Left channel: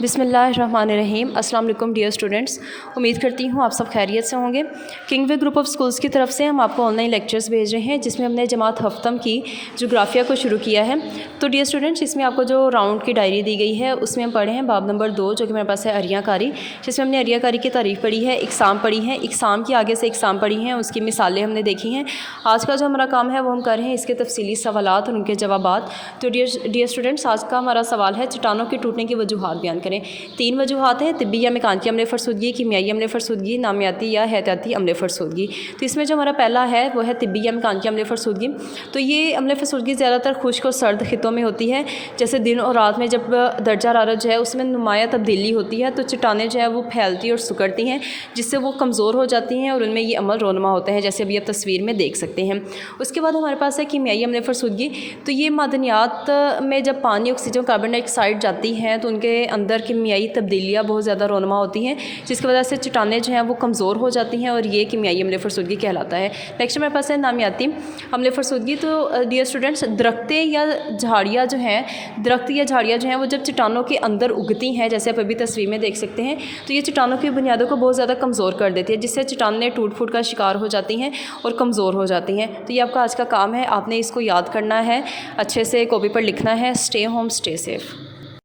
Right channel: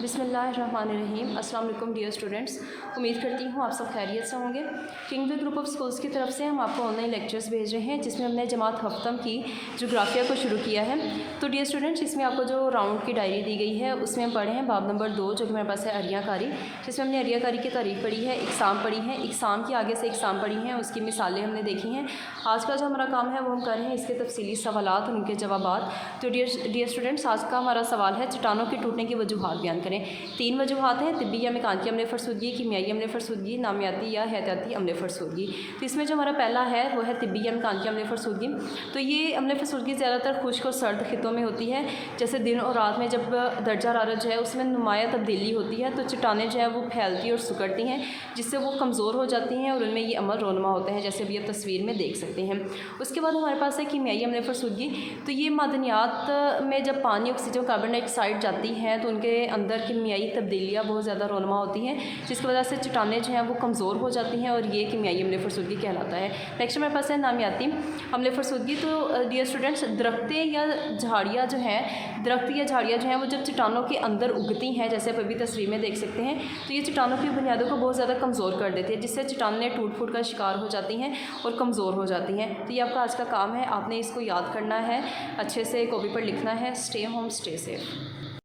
بسم اللہ الرحمن الرحیم۔ السلام علیکم ڈیئر اسٹوڈنٹس، امید کرتی ہوں آپ سب خیریت سے ہوں گے۔ King way group of schools کی طرف سے ہم آپ کو آن لائن لیکچرز بھیج رہے ہیں، جس میں ہم نے جماعت ہفتم کی جغرافیہ کو شروع کیا ہے۔ تو ڈیئر اسٹوڈنٹس، اس میں آپ کو جو راؤنڈ کی ڈائری دی گئی ہے اس میں ہم پڑھے ہیں باب نمبر 2، جو کہ میرے پاس ہے اریاں کاری، جس میں ہم نے اریاں کاری کی تعریف پڑھی ہے، اقسام پڑھی ہیں، اقسام کی آگے سے اقسام پڑھی ہیں، اس کی مثالیں ہم نے دیکھی ہیں۔ آج کا جو ہمارا کام ہے وہ ہم کر رہے ہیں اس کے تفصیلی سوالات اور ان کے جوابات۔ تو ڈیئر اسٹوڈنٹس، آج کا ہمارا سوال ہے چٹانوں کے ٹوٹنے کی وجوہات بیان کریں۔ 3 وجوہات ہیں: طبی یا میکانیکی عملے فرسودگی، کیمیائی عملے فرسودگی، نامیاتی یا احتیاطی عملے فرسودگی۔ تو اس میں جو ہمارا پہلا ہے وہ ہے طبی یا میکانیکی عملے فرسودگی۔ تو یہ عملے فرسودگی زیادہ تر خشک اور سرد خطوں میں ہوتی ہے، جیسے دن اور رات میں جب درجہ حرارت جو ہے اس میں نمایاں تبدیلی ہوتی ہے تو چٹانیں جو ہے وہ پھیلتی اور سکڑتی ہیں، جس سے وہ کمزور ہو جاتی ہیں اور ان میں یہ عمل رونما ہوتے ہیں، جیسے ابھی آپ تصویر میں دیکھ سکتے ہیں۔ اس کے بعد ہمارے پاس ہے کیمیائی عملے فرسودگی۔ تو یہ معدنیات میں جب پانی، آکسیجن، کاربن ڈائی آکسائڈ جاتی ہیں تو ان کے اندر کیمیائی تبدیلیاں بہت زیادہ رونما ہوتی ہیں، جس کی وجہ سے چٹانیں جو ہیں وہ کمزور ہو جاتی ہیں اور یہ کیمیائی عملے فرسودگی کہلاتا ہے۔ نیکسٹ میرے پاس ہے نامیاتی عملے فرسودگی۔ تو ڈیئر اسٹوڈنٹس، درخت یا جھاڑیاں جو ہیں وہ جب چٹانوں کے اندر اگتی ہیں، جیسے آپ ابھی تصویر میں دیکھ سکتے ہیں، تو یہ چٹانوں کی بنیادوں کو بہت زیادہ کمزور کر دیتی ہے، جس سے چٹانیں ٹوٹ پھوٹ کا شکار ہو جاتی ہیں اور کمزور ہو جاتی ہیں۔ تو یہ آپ کا آج کا کام ہے، آپ نے اس کو یاد کرنا ہے، اچھے سے کاپی پر لکھنا ہے۔ Stay home, stay safe.